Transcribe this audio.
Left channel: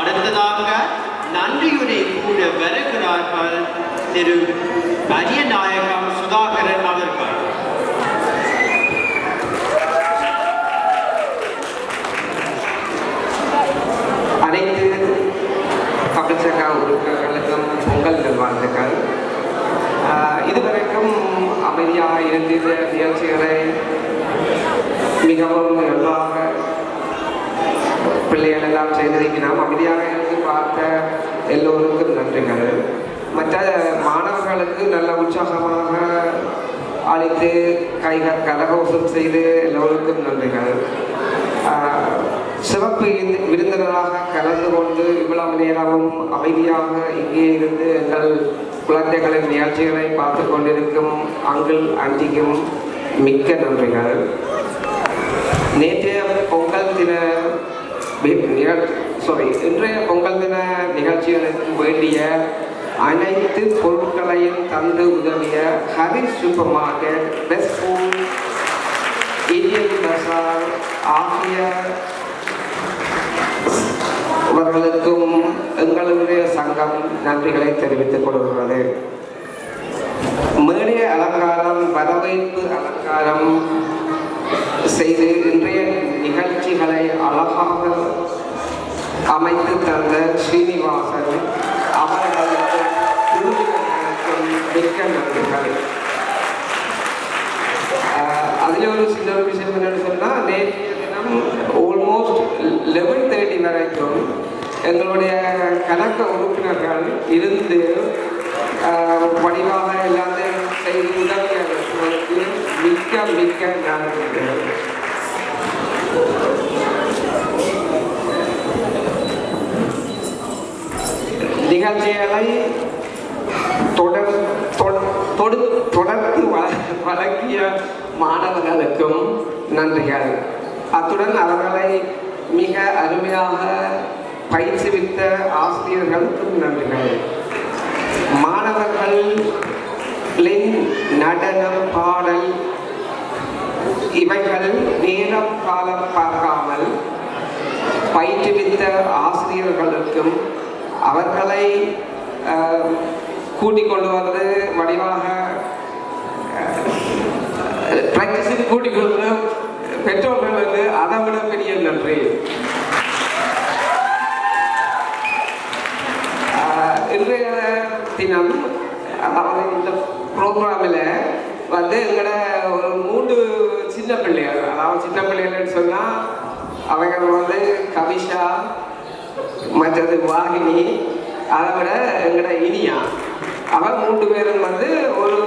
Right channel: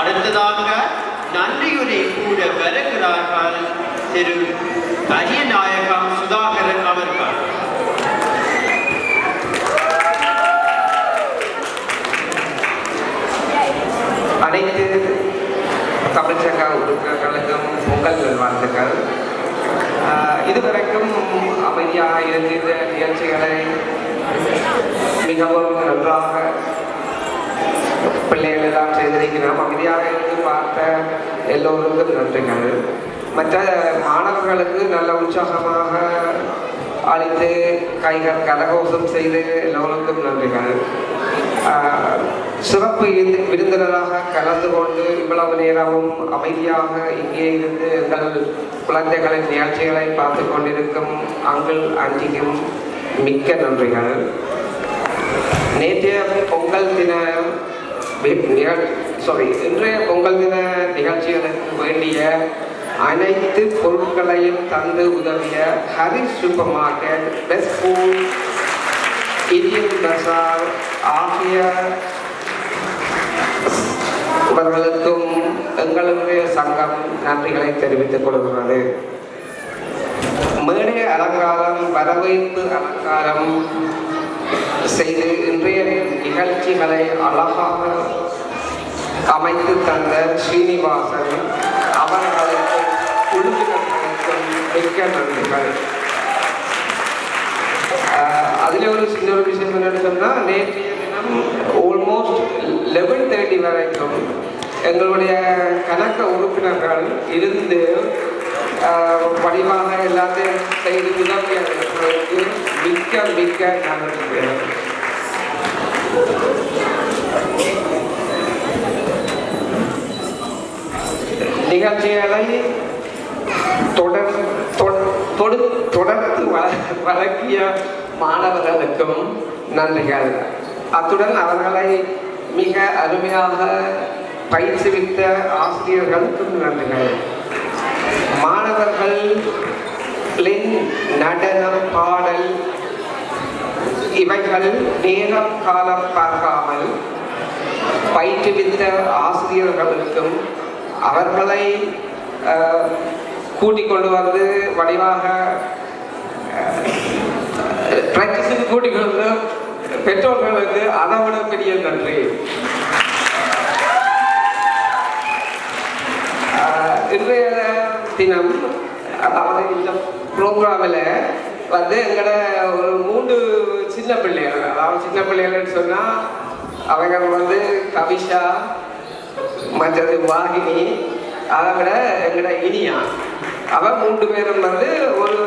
அடுத்ததாக நன்றியுரை கூற வருகிறார்கள் திரு அரியநாயகம் சுதாகரன் அவர்கள். அனைத்து தமிழ்ச்சங்க உறுப்பினர்களுக்கும் பொங்கல் நல்வாழ்த்துக்கள். இதுவரைக்கும் அமைதியாக இருக்கின்ற நிகழ்ச்சிகளை மிகவும் நன்றாக பிள்ளைகள் எல்லாம் செய்திருக்கிறோம். அமைதியாக இருந்து பார்த்த எல்லோருக்கும் நன்றிகள். மற்ற மாணவர்களுக்கு நல்ல உற்சாகமாக அழைத்து கைகள் கரகோஷம் செய்து எல்லோருக்கும் நன்றிகள். சிறப்பு விருந்தினராக கலந்து கொண்டு இவ்வளவு நேரமும் அமைதியாக இங்கே இருந்து எங்கள் குழந்தைகளின் நிகழ்ச்சிகளை பார்த்து கொண்டிருக்கும் அங்கிள் ஆண்டிக்கும் மிக்க நன்றிகள். நேற்றைய பொங்கல் தின இன்றைய பொங்கல் தின நிகழ்ச்சிகளுக்கு வேண்டிய அனைத்து பொருட்களையும் தந்து உதவிய Harish super market, best food, Indian Bazaar ஆகிய அவர்களுக்கும் எங்களுடைய சங்கம் நன்றிகளை தெரிவித்துக் கொள்கிறது. மேடை அலங்காரம், வரவேற்பு அலங்காரம் செய்து இன்றைய நிகழ்ச்சிகளை அழகாக அமைத்து தந்த ஸ்ரீனிவாசன் அவர்களுக்கு குழுவினர்களுக்கும் மிக்க நன்றிகள். அதில் ஒரு சின்ன ஒரு விஷயம் என்னன்னு சொன்னால், நேற்று ஆல்மோஸ்ட் 11:30 வரைக்கும் எங்களுடைய கணக்க உறுப்பினர்கள் இருந்து வடிவாக எல்லாத்தையும் செய்து உதவிகளுக்கு மிக்க மிக்க நன்றிகள். நிகழ்ச்சிகளை தொடர்ந்து வழங்கிய மாணவர்களுக்கும் நன்றிகள். அத்துடன் அவர்களை மிக அருமையாக பயிற்சிவித்த ஆசிரியர்களுக்கும் நன்றிகள். மாணவர்களின் நடனம், பாடல் இவைகள் நேரம் காலம் பார்க்காமல் பயிற்றுவித்த ஆசிரியர்களுக்கும் அவர்களை கூட்டிக் கொண்டு வந்து வடிவாக பிராக்டிஸுக்கு கூட்டிக் கொண்டு பெற்றோர்களுக்கு அதை விட பெரிய நன்றி. இன்றைய தினம் அதாவது இந்த ப்ரோக்ராமில் வந்து எங்களோட ஒரு 3 சின்ன பிள்ளைகள், அதாவது சின்ன பிள்ளைகள்னு சொன்னால் அவங்க வந்து கவிஷா, மற்றது வாகினி, அதை விட எங்களோட இனியா, அவர் 3 பேரும் வந்து ஒரு